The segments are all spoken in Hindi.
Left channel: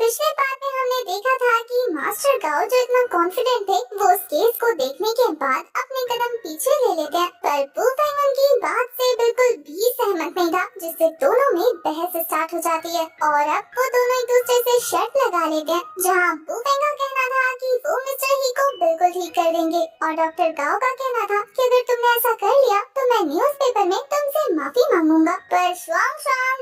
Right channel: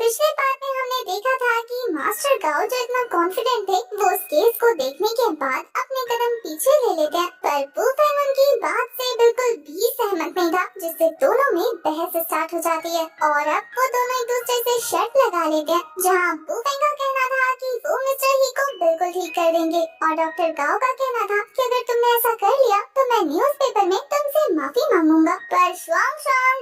पिछले पार्ट में हमने देखा था कि मास्टर गाओ जो इतना कॉन्फिडेंट थे वो उस केस को देखने के बाद अपने कदम पीछे ले लेते हैं, पर वुफेंग उनकी बात से बिल्कुल भी सहमत नहीं था, जिससे दोनों में बहस स्टार्ट हो जाती है और अब वो दोनों एक दूसरे से शर्त लगा लेते हैं, जहाँ वुफेंग का कहना था कि वो मिस्टर ही को बिल्कुल ठीक कर देंगे और डॉक्टर गाओ का कहना था कि अगर तुमने ऐसा कर लिया तो मैं न्यूज़पेपर में तुमसे माफी मांगूंगा। पर शुआंग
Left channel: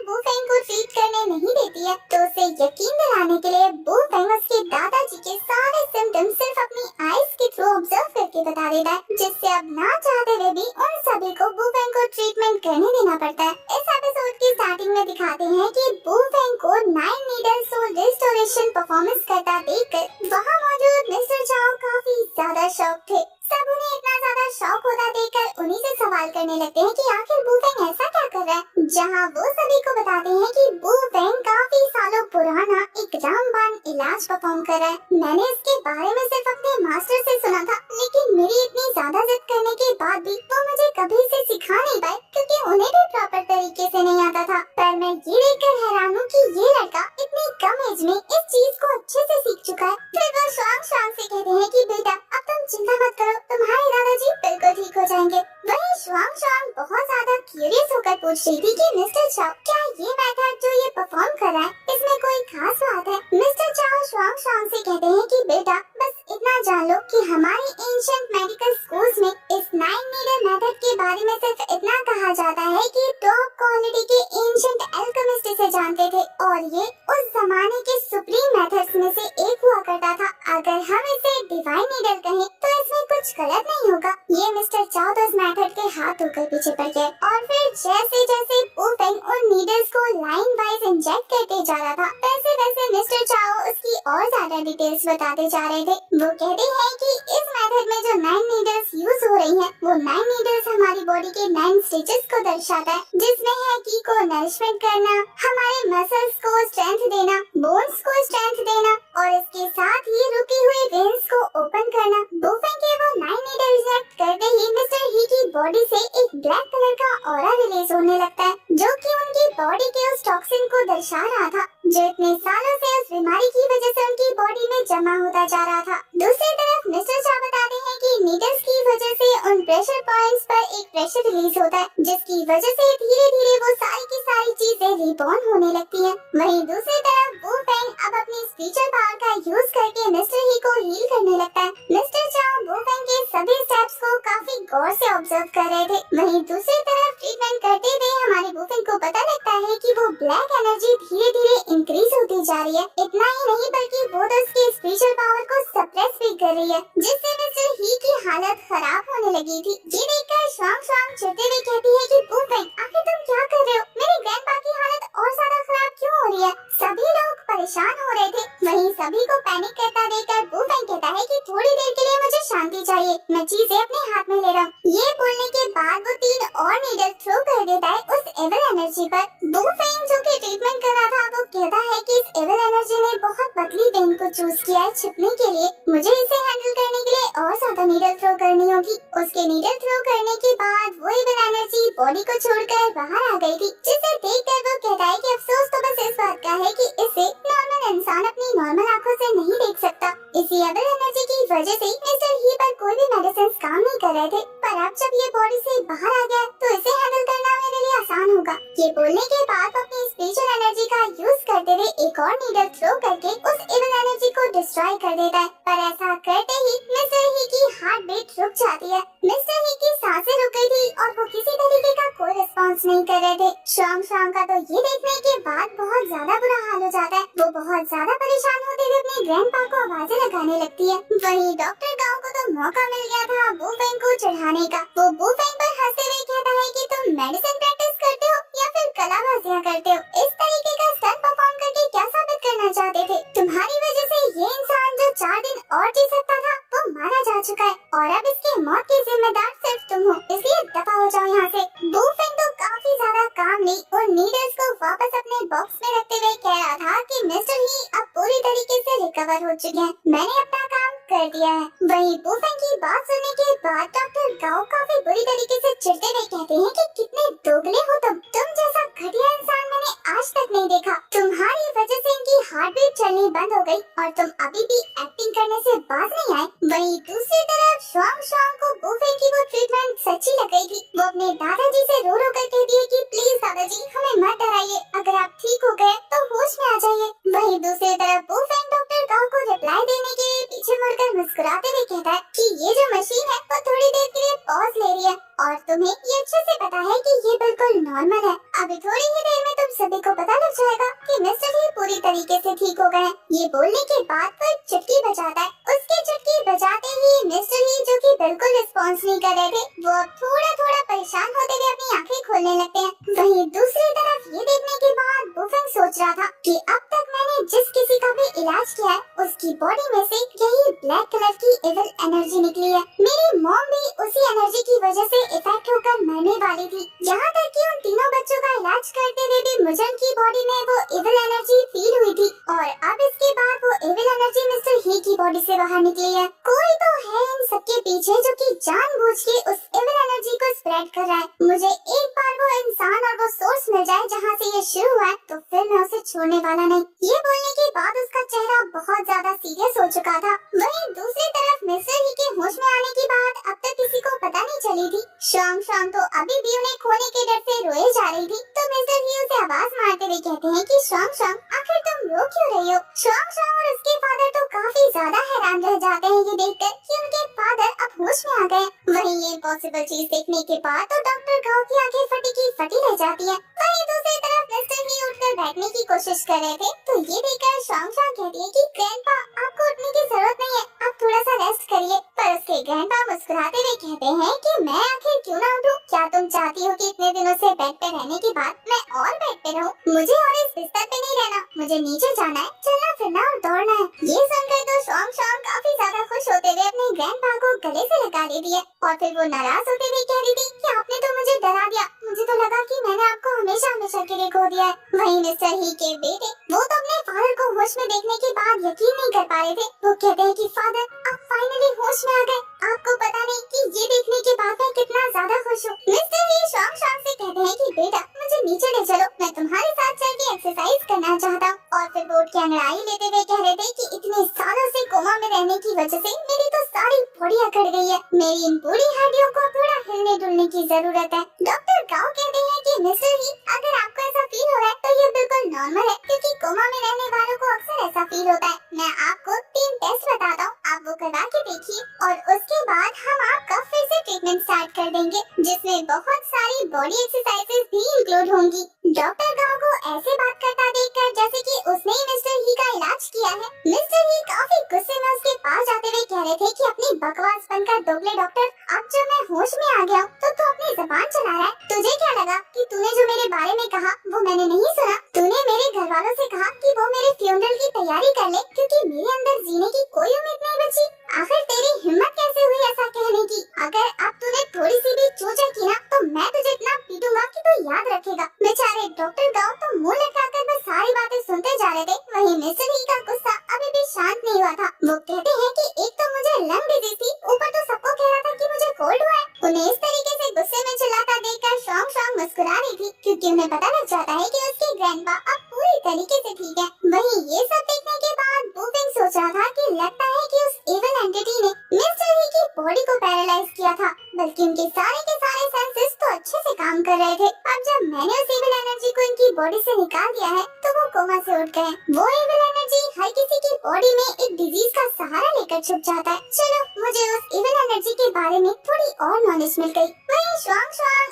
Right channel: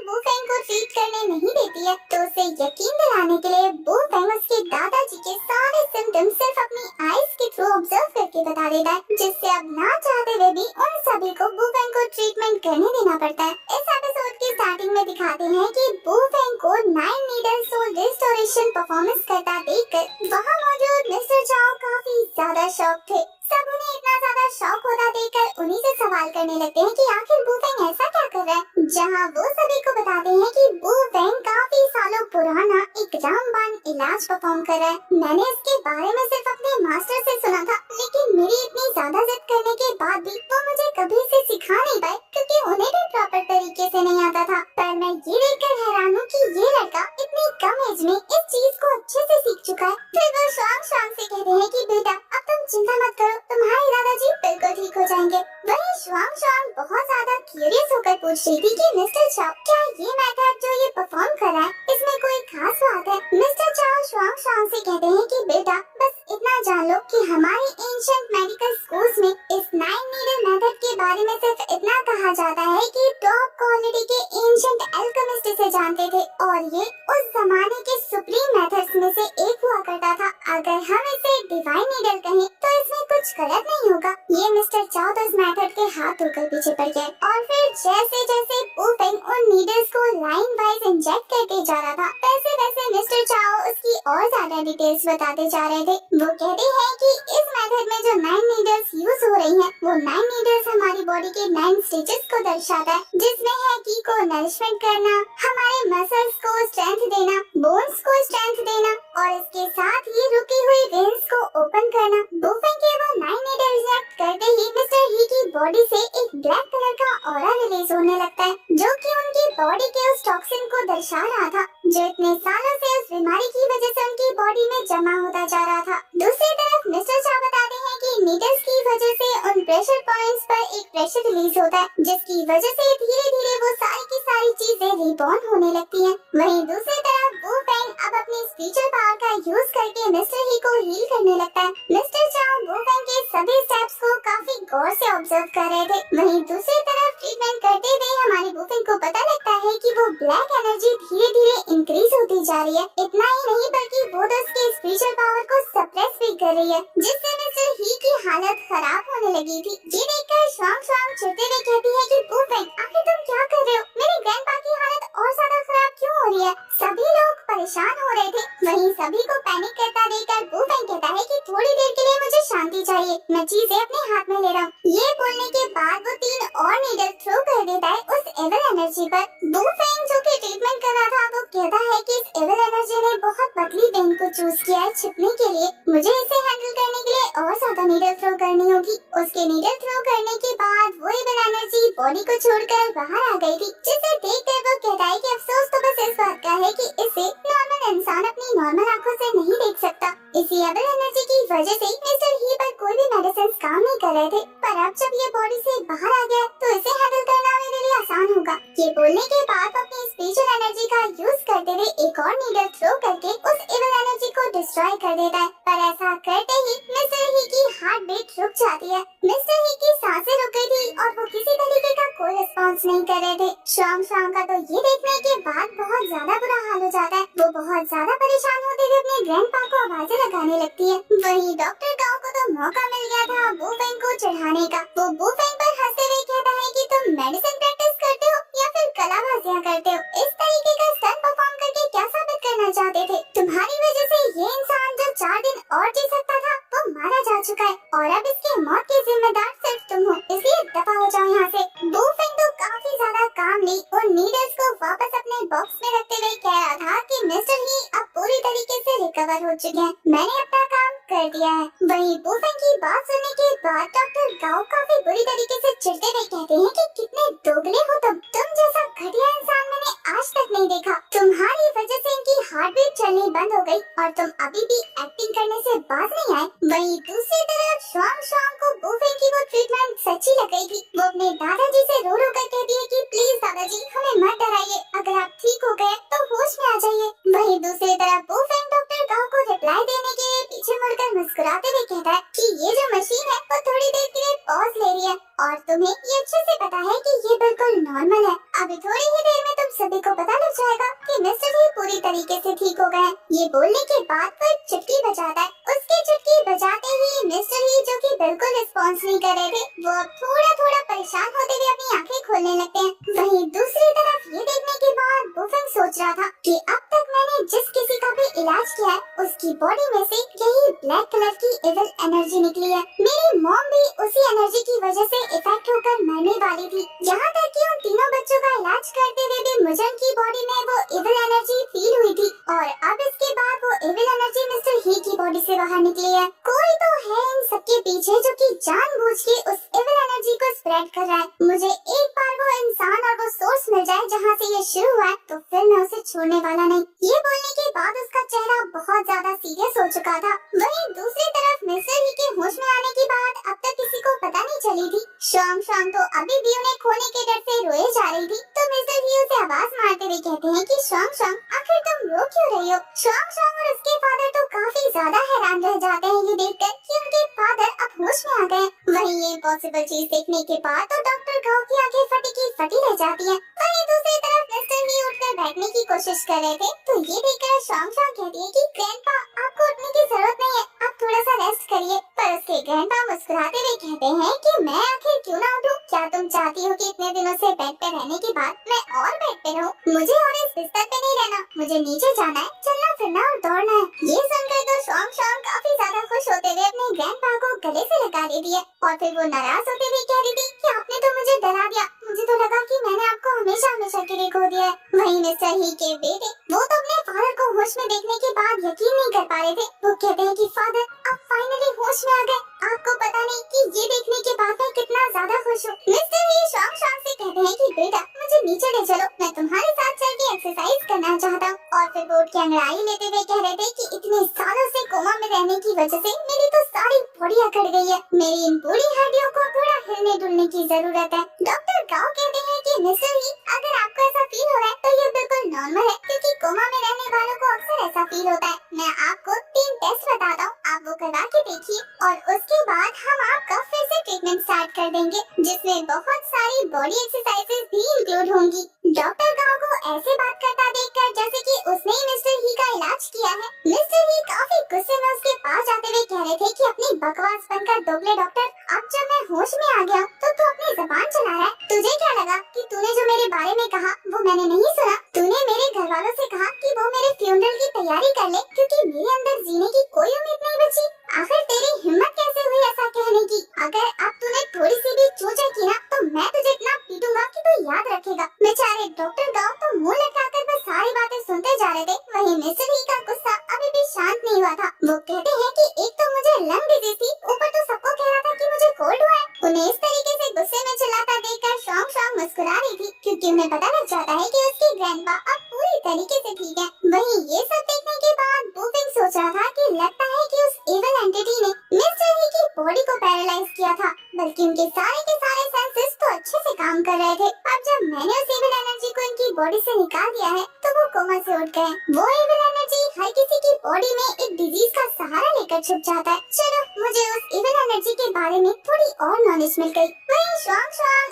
वुफेंग को ट्रीट करने नहीं देती है, तो उसे यकीन दिलाने के लिए वुफेंग उसके दादाजी के सारे सिम्टम्स सिर्फ अपनी आईज के थ्रू ऑब्जर्व करके बता देता है, जिससे अब ना चाहते हुए भी उन सभी को वुफेंग को ट्रीटमेंट करने देना पड़ता है। इस एपिसोड की स्टार्टिंग में दिखाते हैं कि वुफेंग को 9 नीडल सोल रिस्टोरेशन परफॉर्मेंस करता देखकर वहाँ मौजूद मिस्टर चाओ काफी ज्यादा शॉक थे। सब उन्हें इतना ज्यादा शौक होता देखकर उन्हीं से सवाल करने लगते हैं कि आखिर वुफेंग ऐसा क्या कर रहा है, जहां वो सभी को बताते हैं कि वुफेंग काफी सालों पुराना एक रामबाण इलाज परफॉर्म कर रहा है। मैंने इसके बारे में सिर्फ अपने मास्टर से सुना था, लेकिन मेरी इतनी ज्यादा जिद करने के बाद भी वो मुझे कभी इसे सिखा नहीं पाए, क्योंकि उन्हें भी प्रॉपर तरीके से नहीं आता था। पर मैं ये देखकर हैरान हूँ कि ये लड़का इतनी कम एज में इस चीज को अच्छे से सीख चुका है। फिर वो शुआंग से कहते हैं कि बेटा अब तुम चिंता मत करो, तुम्हारे दादाजी बिल्कुल ठीक हो जाएंगे। वहीं शुआंग बहुत ज्यादा क्यूरियस होकर पूछ रही थी कि मिस्टर चाओ क्या ये मेथड जो ये परफॉर्म कर रहा है इसमें कोई खास बात है। मिस्टर चाओ शुआंग से कहते हैं कि बेटा बस इतना जान लो कि हमारे एंशिएंट मेडिकल स्कूल्स में इस 9 नीडल मेथड के बारे में सिर्फ इतना कहा जाता है कि टॉप क्वालिटी के एंशिएंट अल्केमिस्ट इसे जानते थे और ये उस जमाने के सुप्रीम मेथड्स में से एक हुआ करता था। अगर हम इसे डिवाइन नीडल कहें तो इसमें कुछ गलत नहीं होगा। ये मिस्टर चाओ तो इस मेथड के हाथ धोकर पीछे पड़ गए और फिर जैसे जैसे वुफेंग उन नीडल्स को लाइन वाइज इंजेक्ट करके जा रहा था, वैसे वैसे मिस्टर चाओ उसकी और ज्यादा डिटेल्स बताते जा रहे थे। वो कहते हैं कि इस मेथड में जो 9 नीडल्स यूज हो रही हैं, वो 9 नीडल्स हमारी बॉडी के 9 स्टेजेस को दर्शाता है, जिसमें है की को नरिशमेंट करना, हमारे मसल्स को स्ट्रेंथ देना, बोन्स को स्ट्रेंथ देना और इसके साथ ही रुकी हुई वेन्स को ओपन करना। वुफेंग के वो 9 नीडल इंजेक्ट करते ही मिस्टर ही की बॉडी से एक ब्लैक कलर का ऑरा रिलीज होने लगता है, जो कि उनकी बॉडी के उस टॉक्सिन को दर्शा रहा था, जो इतने सालों से उस बीमारी की वजह से उनकी बॉडी में जमा होता जा रहा था। दूसरी तरफ मिस्टर चा बताते हैं कि नीडल्स की वजह से उन प्रेशर पॉइंट्स पर एक प्रेशर रिलीज होता है, जिसकी वजह से धीरे धीरे वो सारी की सारी चीजें रिबॉर्न होने लगती हैं। वहीं दूसरी तरफ वुफेंग अब अपनी स्पिरिचुअल पावर का यूज करके मिस्टर ही को हील करने लगता है। मिस्टर चाओ वुफेंग के सभी स्टेप्स को काफी गौर से ऑब्जर्व कर रहे थे। वहीं दूसरी तरफ ट्रीटमेंट करते हुए हमारे वुफेंग को पता लगता है कि वो ब्लैक एनर्जी धीरे धीरे इंक्रीज होती जा रही है। इतना ही नहीं बल्कि वो तो उसके स्पिरिचुअल पावर को सप्रेस भी कर रही है, जिससे मिस्टर ही की हालत खराब होने लगी थी। ये देखकर शुआंग चिढ़ते हुए कहती है कि वुफेंग आखिर तुम क्या कर रहे हो, मेरे ग्रैंडपा की हालत और ज्यादा खराब क्यों हो रही है। सभी लोग परेशान हो रहे थे। वहीं सभी को पैनिक करता देखकर वुफेंग कहता है कि थोड़ी देर के लिए मुझे शांति चाहिए, मैं चीजें अपने हाथ में ले रहा हूँ। ये बोलने के बाद वो 3 और नीडल थ्रो कर देता है उस एविल एनर्जी पर। वुफेंग जो कि ट्रीटमेंट कर रहा था वो कहता है कि इस एविल एनर्जी ने बहुत पतली वेन को चूज किया है छिपने के लिए, मुझे इसे हैंडल करने के लिए और ज्यादा नीडल थ्रो करनी होगी। उसके नीडल थ्रो करने के बाद वो एविल एनर्जी बॉडी को छोड़कर बाहर आ गई थी, जिसे देखकर वो कहता है कि अफसोस तो बस इस बात का है कि इसे नॉर्मल इंसान अपनी नॉर्मल आंखों से नहीं देख सकता। इसी एविल एनर्जी की वजह से मिस्टर ही पर कोई भी मेडिसिन काम नहीं कर रहे थे, पर अब जब ये बॉडी से बाहर आ गया तो इसे हैंडल करना मेरे लिए आसान होगा। ये बोलने के बाद अपनी स्पिरिचुअल एनर्जी का यूज करते हुए एक और नीडल थ्रो करके उस एविल एनर्जी को डिस्ट्रॉय कर देता है, पर ऐसा करते ही मिस्टर ही की हार्ट बीट रुक जाती है। मिस्टर ही की सांसें रुक गई थी और वो किसी तरीके का कोई रिस्पॉन्स नहीं कर रहे थे। शुआंग का तो ये देखने के बाद बहुत ज्यादा बुरा हाल हो जाता है। वो बहुत ज्यादा परेशान होते हुए अपने ग्रैंडपा को आवाजें लगाने लगती है। वहीं डॉक्टर गाओ को तो मौका मिल गया था वुफेंग को चढ़ाने का। वो वुफेंग पर हंसते हुए कहता है कि तुम मेडिसिन प्रैक्टिस करते हो या फिर कलाबाजियां करते हो, इस तरीके का स्टंट परफॉर्म करके क्या साबित करना चाहते थे। तुम्हारी वजह से ये इंसान जो 4 दिन और जी सकता था वो मारा जा चुका है और अब इसके मौत के जिम्मेदार सिर्फ तुम हो, इसलिए दफा हो जाओ यहाँ से। वुफेंग तो काफी ज्यादा कामली उन नीडल्स को वापस अपने बॉक्स में रखते हुए कह रहा था कि मिस्टर ही अब पूरी तरीके से रिकवर हो चुके हैं, मैंने अपना काम कर दिया है। वहीं बुफेंग की बात सुनने के बाद डॉक्टर गाओ काफी बुरी तरीके से चिढ़ते हुए कहते हैं कि कितने दोगले हो तुम जैसा घटिया इंसान मैंने आज तक नहीं देखा। तुम्हारी वजह से इनकी हार्ट बीट चलनी बंद हो गई और तुम अभी भी एक्टिंग करने से बाज नहीं आए। वहीं दूसरी तरफ शुआंग को बुफेंग की वो ट्रीटमेंट सच्ची लग गई थी। वो अपने दादाजी से रो रो कर कहती है कि प्लीज दादाजी हमें मत डराइए, अगर आप ठीक हो गए तो होश में आ जाइए। वहीं दूसरी तरफ बुफेंग डॉक्टर गाओ को रिप्लाई देने के लिए पीछे मुड़कर मुस्कुराते हुए कहता है कि ये जो मशीन है वो थोड़ी देर के लिए पॉज ले रही है और तुम्हें ये अच्छे से पता है कि ये बिल्कुल नॉर्मल है। अभी थोड़ी ही देर में तुम सभी को पता लग जाएगा कि मिस्टर ही पूरी तरीके से ठीक हो गए। ये बोलने के बाद वो एक चुटकी बजाता है। उसकी चुटकी बजाते ही मिस्टर ही, जो कि बिल्कुल रिस्पॉन्स नहीं कर रहे थे, वो थोड़ा थोड़ा परेशान होते हुए अपनी आंखें खोलने लगते हैं। वहीं दूसरी तरफ ये देखने के बाद बुफेंग सोच रहा था कि अब तक मैंने जिस किसी का भी इलाज किया है उसकी बॉडी में से यही ब्लैक कलर की इविल एनर्जी निकली है। मेरी मॉम भी उसी एनर्जी की वजह से इफेक्ट होकर मरने वाली थी। यहाँ तक कि उन तीनों बच्चों का इलाज करते हुए भी मुझे उनकी बॉडी में वो इविल एनर्जी फील हुई थी और अब इसके बाद वो इविल एनर्जी मिस्टर ही की बॉडी से बाहर निकली है। कोई तो है इन सबके पीछे जो कि जानबूझ के उस इविल एनर्जी को स्प्रेड कर रहा है। मुझे एक बार वो इंसान और वो सोर्स मिल जाए जहाँ से ये शुरू हुआ है तो फिर मैं उसे छोड़ने वाला नहीं। ये बोलने के बाद उसका चेहरा बहुत ज्यादा सीरियस हो चुका था। वहीं दूसरी तरफ मिस्टर ही के होश में आने की बात अब तक किसी को पता नहीं चली थी। शुआंग तो अभी भी उन्हें खोने के डर से रोए जा रही थी तो मिस्टर ही उसे आवाज मारते हुए कहते हैं कि शुआंग आखिर तुम रो क्यों रही हो। शुआंग और उसके फादर तो काफी ज्यादा हैरान रह जाते हैं ये देखकर कि उनके फादर अब होश में आ गए। वहीं ये इम्पॉसिबल चीज देखने के बाद तो डॉक्टर गाओ की आंखें फटी की फटी रह जाती है। वहीं दूसरी तरफ मिस्टर ही उठकर बैठने की कोशिश कर रहे थे तो ये देखकर शुआंग कहती है कि ग्रैंडपा आपको उठने की जरूरत नहीं है, आप थोड़ा सा रेस्ट करिए। पर उसके ग्रैंडपा मुस्कुराते हुए कहते हैं कि मैं आखिर क्यों ना उठूं? क्या तुम चाहती हो कि इतने दिनों से बेड पे रहने के बाद मैं और बेड पे रहूं? मुझे और इस बिस्तर पे नहीं रहना, मुझे नीचे जाना है, चलना फिरना और दौड़ना है। ये सुनकर तो शुआंग काफी ज्यादा खुश होते हुए अपने ग्रैंडपा को गले से लगा लेती है और फिर वो नाराज होते हुए कह रही थी कि आपने तो मुझे डरा दिया, मुझे तो लगा कि मैंने आपको हमेशा हमेशा के लिए खो दिया है। वहीं मिस्टर ही के बेटे वो तो अपने फादर को होश में देखने के बाद यकीन नहीं कर पा रहे थे। वो कहते हैं कि फादर आप फाइनली होश में आ गए, आपको पता नहीं कि ये देखने के बाद मैं कितना ज्यादा खुश हूँ। मिस्टर ही शुआंग से कहते हैं कि बेटा मुझे नीचे ले चलो, मैं तुम्हारे साथ चल के एक्सरसाइज करना चाहता हूँ। और फिर बोर्ड की अंगड़ाई लेते हुए कह रहे थे कि इतने सालों से कोमा में रहने की वजह से मेरी तो सारी बॉडी अकड़ गई है, मेरी इन पूरी हड्डियों को थोड़ा हिलने डुलने की जरूरत है। डॉक्टर गाओ कहते हैं कि मिस्टर ही अगर आपको ऐसा फील हो रहा है तो ये बिल्कुल नॉर्मल है क्योंकि कोमा में रहने वालों को अक्सर ऐसा फील होता है। मैं आपको 3 टेस्ट बताता हूँ, आप वो करवा के देखिए और उसके बाद हम आपका फिर से ट्रीटमेंट स्टार्ट कर देंगे जिसमें बहुत सारी बॉडी एक्सरसाइजेस भी इंक्लूड होंगी। डॉक्टर गाओ को ऐसे बात करता देखकर जैसे कि उसने ही मिस्टर ही का इलाज किया है। मिस्टर ही काफी गुस्से में उसके पास जाते हुए कह रहे थे कि अपनी बकवास बनकर दोगले डॉक्टर, अब जब मैं होश में आ गया तो तू अपनी जबान चला रहा है। तुझे क्या लगा कि तूने जो मेरे बारे में कहा वो मैंने नहीं सुना? तूने मेरे घर वालों से कहा कि वो मेरे फ्यूनरल की तैयारी कर ले क्योंकि मेरे अंदर जीने की कोई उम्मीद नहीं बची। आखिर तेरी हिम्मत कैसे हुई ऐसा कहने की? अगर अब तूने थोड़ी सी भी चूचा की ना तो मैं तुझे इतना पीटूंगा कि तू याद रखेगा। बेचारे डॉक्टर गाओ तो मुंह लटकाकर बस सारी बातें सुनते जा रहे थे। वहीं मिस्टर ही का गुस्सा अभी भी शांत नहीं हुआ था। वो कहते हैं कि एक तो मुझे लंग डिजीज थी, ऊपर तो सबको कह रहा था कि मुझे कोल्ड हुआ है। उन्हें इस तरीके से गुस्से में चिल्लाता देखकर शुआंग मुस्कुरा रही थी क्योंकि उन्हें पता लग जाता है कि उसके ग्रैंडपा अब पूरी तरीके से ठीक है। वहीं ये सब देखने के बाद बुफेंग सोच रहा था कि लगता है कि उस इविल एंटिटी ने मिस्टर ही की बॉडी को पैरालाइज किया था, बल्कि उनके सारे के सारे सेंसेस तो अच्छे से काम कर रहे थे। अब जब मैंने उस इविल एनर्जी को इनकी बॉडी से निकाल दिया है तो वो कोमा से उठ गए। वो इविल एनर्जी हर किसी की बॉडी में एक डिजीज का सहारा लेकर छुप जाता है। चलो मुझे उस इविल एनर्जी के बारे में थोड़ी और नॉलेज मिल गई। वहीं शुआंग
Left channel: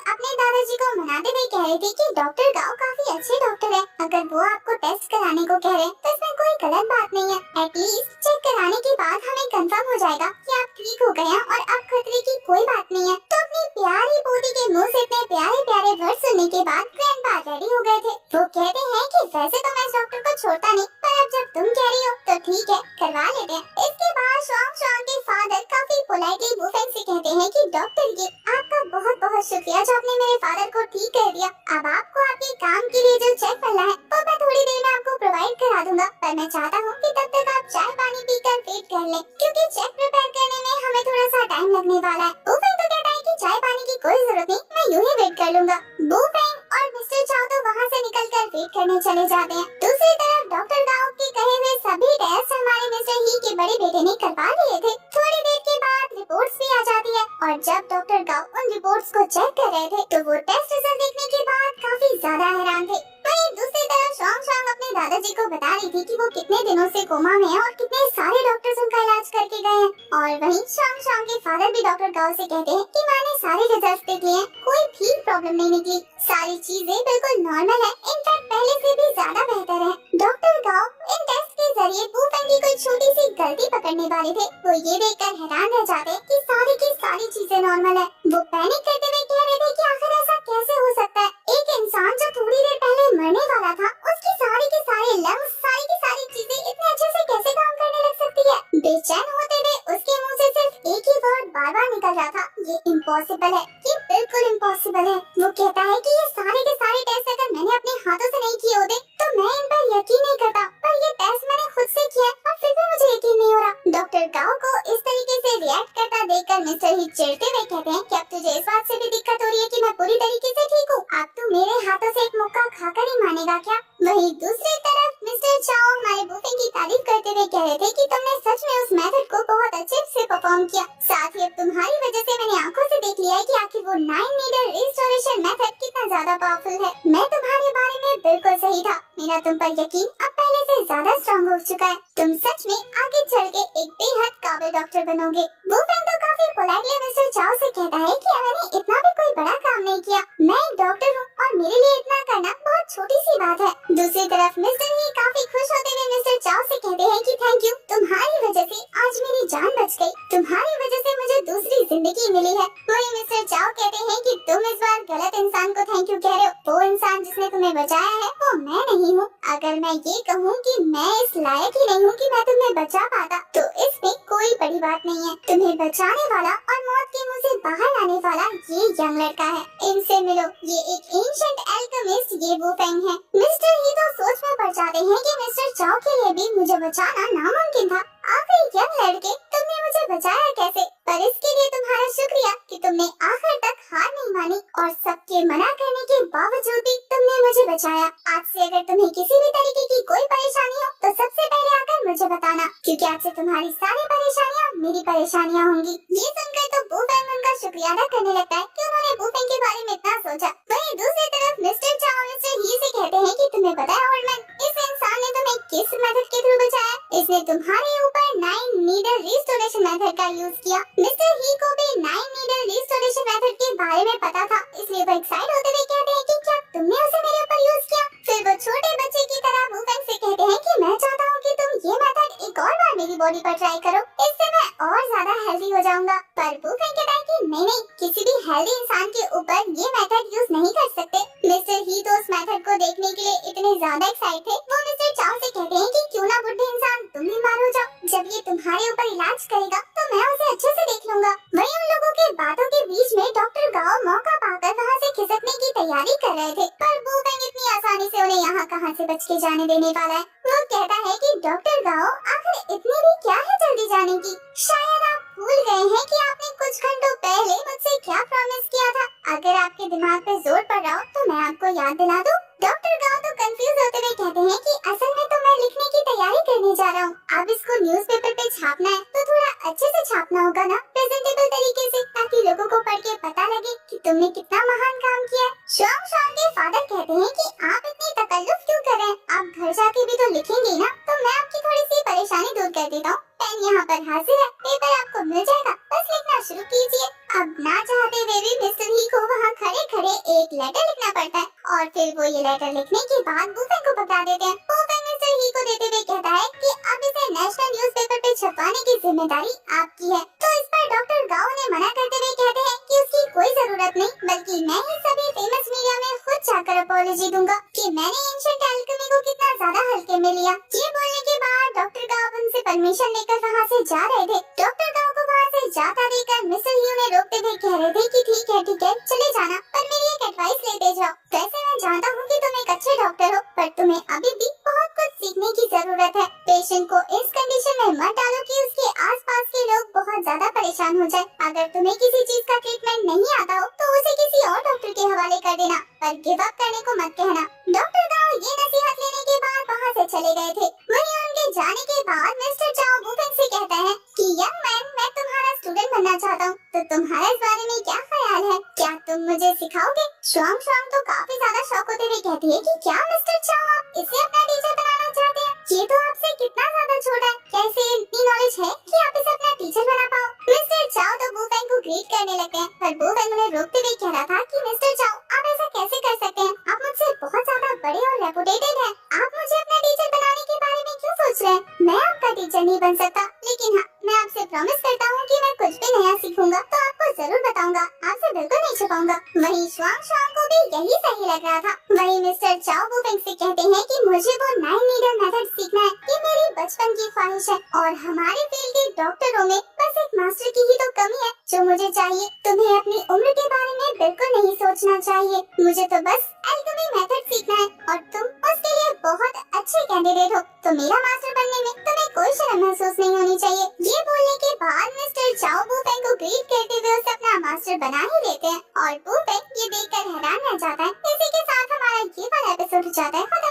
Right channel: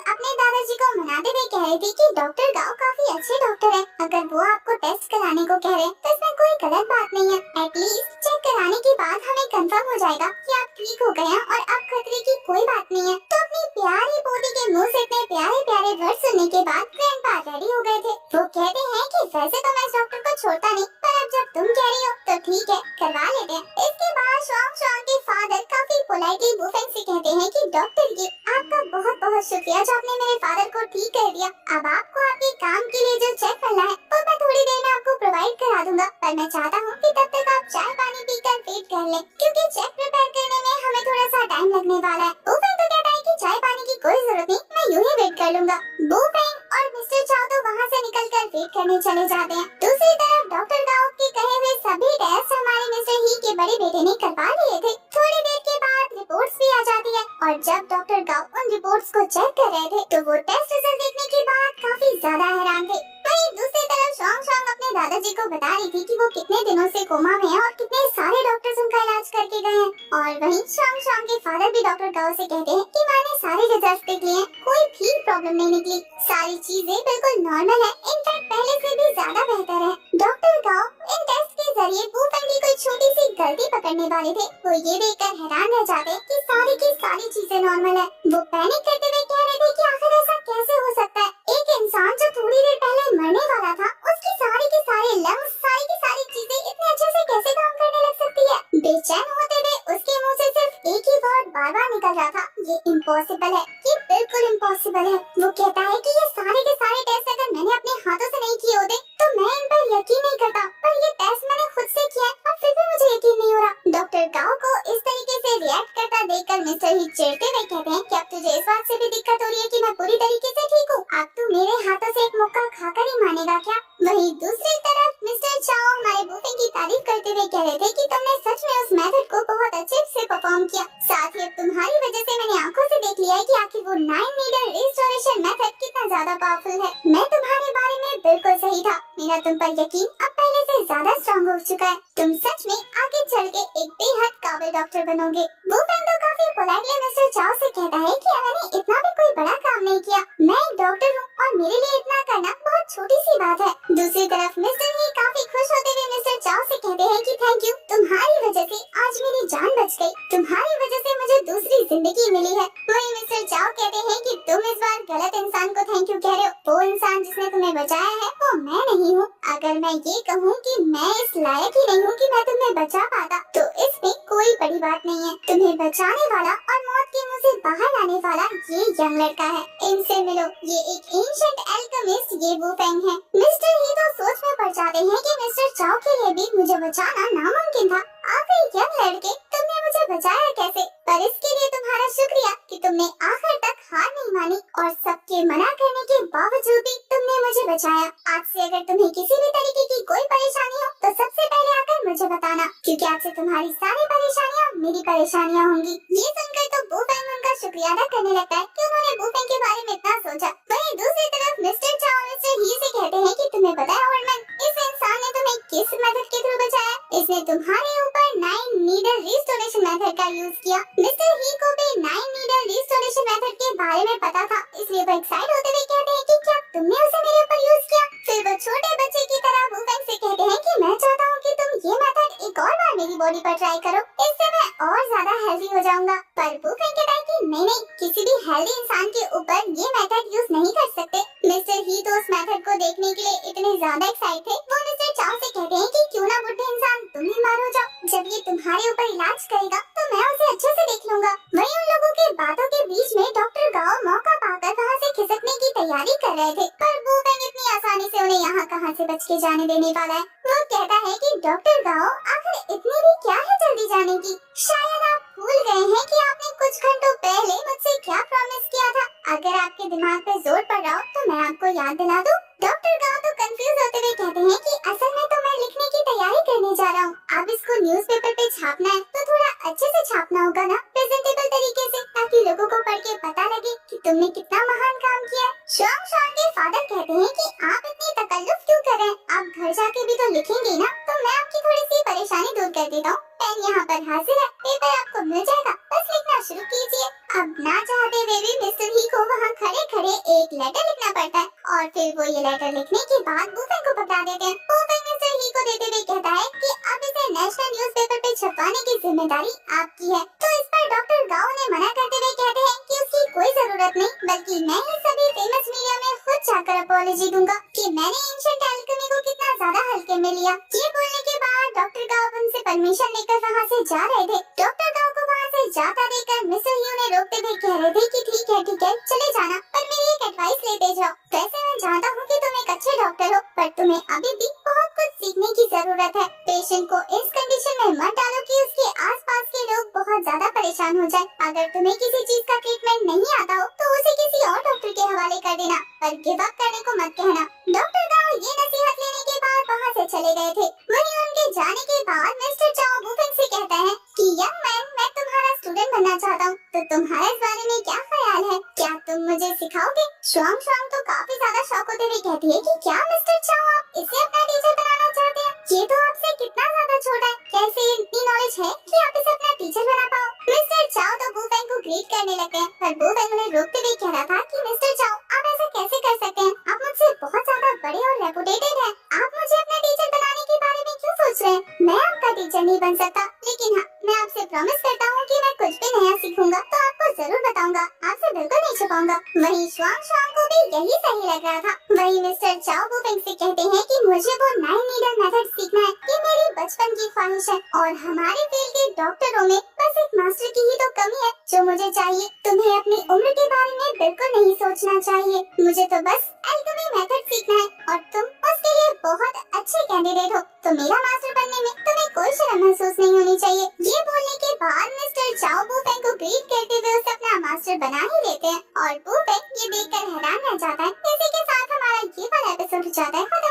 अपने दादाजी को मनाते हुए कह रही थी कि डॉक्टर गाओ काफी अच्छे डॉक्टर है, अगर वो आपको टेस्ट कराने को कह रहे तो इसमें कोई गलत बात नहीं है। एटलीस्ट चेक कराने के बाद हमें कंफर्म हो जाएगा कि आप ठीक हो गए हैं और अब खतरे की कोई बात नहीं है। तो अपनी प्यारी पोती के मुंह से इतने प्यारे प्यारे वर्ड सुनने के बाद ग्रैंडपा रेडी हो गए थे। वो कहते हैं कि वैसे तो मैं इस डॉक्टर को छोड़ता नहीं, पर अब जब तुम कह रही हो तो ठीक है, करवा लेते हैं। इसके बाद शुआंग के फादर काफी पोलाइटली बुफेंग से कहते हैं कि डॉक्टर जी आपका बहुत बहुत शुक्रिया जो आपने मेरे फादर को ठीक कर दिया। अब आपको आपके काम के लिए जो चेक मिलना है वो मैं थोड़ी देर में आपको प्रोवाइड करा दूंगा, पर मैं चाहता हूँ कि तब तक आप चाय पानी पीकर वेट कर ले, क्योंकि चेक प्रिपेयर करने में हमें थोड़ा सा टाइम लगने वाला है। बुफेंग तो कहता है कि चाय पानी की कोई जरूरत नहीं, मैं यूं ही वेट कर लूंगा। बुफेंग और मिस्टर चाओ तो वहाँ से निकलकर वेट करने चले जाते हैं। दूसरी तरफ डॉक्टर गाओ के कहे हुए सभी टेस्ट हमारे मिस्टर ही के बड़े बेटे ने करवा लिए थे। थोड़ी देर के बाद रिपोर्ट्स भी आ जाती है और जब डॉक्टर गाओ उन रिपोर्ट्स को चेक कर रहे थे तो वो टेस्ट रिजल्ट देखने के बाद काफी ज्यादा हैरान थे। वहीं दूसरी तरफ शॉन्ग शॉन्ग अपने दादाजी को बता रही थी कि वो कितने दिनों से कोमा में है और कितने सारे डॉक्टर्स उनका इलाज करके गए हैं। और वहीं शॉन्ग शॉन्ग के फादर भी डॉक्टर गाओ से कहते हैं कि माँ ने सारे रिजल्ट्स देख लिए हैं, कोई भी प्रॉब्लम नहीं निकली, सारी चीजें बिल्कुल नॉर्मल है, इनफैक्ट पहले से भी ज्यादा बेहतर है। डॉक्टर गाओ इन टेस्ट के जरिए बुफेंग की कोई छोटी सी गलती पकड़ने वाले थे। वो ये देखकर हैरान रह जाते हैं कि सारी की सारी चीजें नॉर्मल है। वो पैनिक करते हुए कह रहे थे कि आखिर ऐसा कैसे हो सकता है, एक इंसान जो थोड़ी देर पहले मरने वाला था उसकी सारी के सारे लंग्स, सारी की सारी चीजें इतने अच्छे से कैसे काम करने लग सकती है। बेचैन होते हुए उसके मुंह से सिर्फ एक ही वर्ड बार बार निकल रहा था, ये इम्पॉसिबल है, ये बिल्कुल इम्पॉसिबल है। वो कहता है कि ये सारे के सारे टेस्ट अगर मैंने अपने हाथों से नहीं किए होते तो मैं इन पर यकीन नहीं करता, पर ये टेस्ट मैंने खुद से किया है और फिर भी मुझे यकीन नहीं हो रहा। डॉक्टर गाओ को इस तरीके से रिएक्ट करता देखकर मिस्टर ही चिढ़ते हुए कहते हैं कि अब तुझे इस बात से भी दिक्कत हो रही है कि मैं पूरी तरीके से ठीक हूँ, अब तू मेरे हाथों से एक मुक्का खाकर ही मानेगा क्या। वहीं दूसरी तरफ मिस्टर चाओ हमारे बुफेंग की तारीफ करते हुए कह रहे थे कि तुमने सच में उस मेथड को बहुत अच्छे से परफॉर्म किया, साथ ही अब तुम्हारी वजह से मैंने आंखों से देख लिया है कि आखिर वो 9 नीडल रिस्टोरेशन मेथड कितना ज्यादा पावरफुल है। मैं तुम्हारे बारे में बिल्कुल सही था, मेरा तुम पर यकीन अब पहले से ज्यादा स्ट्रॉन्ग हो चुका है, तुम सच में आगे चल के एक बेहद काबिल डॉक्टर बनोगे। बुफेंग तो काफी पोलाइटली मिस्टर चाओ से कहता है कि मैंने इतना भी कोई बड़ा काम नहीं किया, मैं एक डॉक्टर हूँ और मेरे लिए इतना करना बहुत छोटी सी बात है। दूसरी तरफ मिस्टर ही काफी खुश होते हुए मिस्टर चाओ से कहते हैं कि थैंक यू, तुम्हारी वजह से आज मेरी जान बच गई, तुम्हारी वजह से मुझे दूसरी जिंदगी मिली है। वही मिस्टर चाओ कहते हैं कि तुम इस बार गलत इंसान को थैंक यू कह रहे हो, वो इंसान जिसने तुम्हें बचाया है वो मैं नहीं हूँ। अगर मैं ये कहूँ कि मैं इस लायक ही नहीं हूँ कि मैं तुम्हें बचा पाता तो इसमें कोई बड़ी बात नहीं है, तुम्हें बचाने वाला और मौत के मुंह से बाहर लाने वाला ये यंग लड़का है, इनसे मिलो, ये एक एंशिएंट एल्केमिस्ट ये बुफेंग है। मिस्टर ही तो सोच में पड़ जाते हैं कि मिस्टर चाओ के लिए भी मुझे बचाना नामुमकिन था, आखिर यंग लड़के तुमने मुझे बचाया कैसे, पर इसके लिए तुम्हारा शुक्रिया कि तुमने आखिर तक हार नहीं मानी और सबके मना करने के बावजूद भी तुमने मुझे बचाया। आज से अगर तुम्हें किसी भी तरीके की कोई परेशानी हो तो सबसे पहले आकर मुझे बताना, क्योंकि आज से तुम्हारी सारी परेशानियाँ मेरी परेशानियाँ होंगी। ये सुनकर तो बुफेंग उनका शुक्रिया अदा करने लगता है कि उन्होंने बुफेंग के बारे में इतना सोचा। वहीं दूसरी तरफ मिस्टर चाओ मिस्टर ही से कहते हैं कि तुम्हें पता है ओल्ड मैन, इस इंसान ने तुम्हें किस मेथड के थ्रू बचाया, इसने तुम्हारे ऊपर 9 नीडल रिस्टोरेशन मेथड का यूज किया। मिस्टर ही को भी 9 नीडल रिस्टोरेशन मेथड के बारे में पता था, इसलिए वो एक्साइट होते हुए कहते हैं कि क्या तुमने उसे मेरे ऊपर यूज किया। फिर वो छोटे बच्चे की तरह बुफेंग से कहते हैं कि मैं चाहता हूँ कि तुम ये मेथड एक और बार मेरी बॉडी पर ट्राई करो, इससे मैं और ज्यादा हेल्दी हो जाऊंगा। पर बुफेंग कहता है कि नहीं, किसी भी हेल्दी इंसान के ऊपर ये मेथड यूज नहीं कर सकते। मिस्टर ही तो उस मेथड को देखने के लिए इतने ज्यादा एक्साइट थे, वो मिस्टर चाओ से कहते हैं कि क्यों ना बुढ़े इंसान तुम बीमार हो जाओ, जब ये तुम्हारे ऊपर इलाज करेगा तो मैं उसे अच्छे से देख लूंगा। वहीं उन लोगों के बातों के बीच में डॉक्टर गाओ मौका पाकर वहाँ से खिसकने की तैयारी कर रहे थे, पर बुफेंग इतनी आसानी से उन्हें यहाँ कहाँ से बच के जाने देने वाला है। वो कहता है कि डॉक्टर गाओ आखिर इतनी भी क्या है जल्दी जाने की, शायद आप भूल गए हैं कि आपने कुछ घंटों पहले मुझसे क्या प्रॉमिस किया था। अगर आपके दिमाग पे जोर पड़ रहा हो तो मैं आपको याद दिला दूं। डॉक्टर गाओ तो कंफ्यूज होते हुए कहते हैं कि असल में तो मैं लिखने की तैयारी करने जा रहा हूँ, अब इसको न्यूज़पेपर पे छापना है तो थोड़ा अच्छे से छापना होगा ना, प्रेजेंटेबल तरीके से, ताकि लोगों को पढ़ के पता लगे कि तुमने कितना महान काम किया है। शॉन्ग शॉन्ग के फादर कहते हैं कि आप इतनी तकल्लुफ क्यों कर रहे हैं, आप घर जाके भी तो लिखेंगे ना, तो मैं आपकी थोड़ी सी परेशानी दूर कर देता हूँ। पेन यहाँ पर हाजिर है, पेपर आपको मिल जाएगा, बस लिखना शुरू कीजिए। अब ना चाहते हुए भी मिस्टर ही को वहाँ खड़े खड़े एक लेटर लिखना पड़ता है और फिर वो ये लेटर लिखने के बाद बुफेंग को पकड़ा देते हैं। बुफेंग मिस्टर ही को देते हुए कहता है कि अब इसे नेशनल न्यूज़पेपर पे छपवाने की जिम्मेदारी आपकी है। तो इस पर डॉक्टर गाओ ने मना करते हुए कहते हैं कि उसकी कोई जरूरत नहीं, बल्कि मैं ही सभी फेमस मीडिया में खुद जाकर अपॉलॉजी दूंगा कि मैंने एंशिएंट एल्केमी को कितना ज्यादा हल्के में लिया। ये बोलने के बाद डॉक्टर गाओ उनसे परमिशन लेकर वहाँ से जा रहे थे। डॉक्टर गाओ को वहाँ से जाता देखकर मिस्टर ही उन्हें रोकते हुए कह रहे थे कि ठीक है चले जाना, पर मेरी एक एडवाइस लेते जाओ। वैसे मैं जानता हूँ कि तुम एक अच्छे डॉक्टर हो, पर तुम्हें अभी भी बहुत कुछ सीखने की जरूरत है। पेशेंट को इस कंडीशन में मत डालो कि उसके आसपास के लोग बहुत ज्यादा परेशान हो जाए। अगर तुम्हें किसी चीज का ट्रीटमेंट नहीं आता हो तो उसे किसी और डॉक्टर के हवाले कर देना, पर गिव अप करने को मत कहना। डॉक्टर गाओ ये नसीहत लेने के बाद वहाँ से चले गए थे। वहीं उनके जाने के बाद मिस्टर चाओ वुफेंग से कहता है कि यंग मैन, मैं तुम्हारा स्टूडेंट बनना चाहता हूँ, तो तुम्हारा इस बारे में क्या ख्याल है? क्या तुम मुझे सिखाओगे? शुआंग शुआंग तो काफी ज्यादा शौक होते हुए कहती है कि क्या मिस्टर चाओ आप इसे अपना टीचर बनाना चाहते हैं? ये तो आपसे कितना ज्यादा छोटा है, कैसे इतनी नॉलेज है कि आप इसे अपना टीचर बना पाओ? मिस्टर चाओ तो वुफेंग को ग्रीट करने लगते हैं, पर वुफेंग उन्हें रोकते हुए कह रहा था कि मिस्टर चाओ आप ऐसा कैसे कर सकते हैं? आप मुझसे बहुत ज्यादा बड़े और रेपुटेटेड हैं। आप मुझे अपना टीचर बनाने के बारे में क्यों सोच रहे हैं? मैं आपका टीचर नहीं बन सकता, लेकिन हाँ, मैं आपसे प्रॉमिस करता हूँ कि मैं कुछ भी नया सीखूंगा तो आपको जरूर बताऊंगा, आपसे बिल्कुल नहीं छुपाऊंगा। वहीं शुआंग शुआंग को भी यही सही लग रहा था। वहीं मिस्टर चाओ वुफेंग से कहते हैं कि मुझे वो 9 नीडल मेथड सीखना है, ये मेरी बचपन की ख्वाहिश है और हमारे फील्ड के डॉक्टरों में बस एक मास्टर की ही तो कमी है जो मुझे चाहिए। तुम्हें अपनी उम्र के बारे में बिल्कुल नहीं सोचना चाहिए, मुझे तो बस एल्केमी मेथड सीखना है और तुम उसके लिए बहुत अच्छे कैंडिडेट हो, तो मेरा मास्टर बनने में तुम्हें कोई शर्म महसूस नहीं होनी चाहिए। ये बोलने के बाद मिस्टर चाओ वुफेंग को ग्रीट करते हुए उसे अपना मास्टर बना ही देते हैं और वुफेंग ये देखकर हैरान रह जाता है। इसी के साथ हमारा ये वाला एपिसोड हो जाता है खत्म।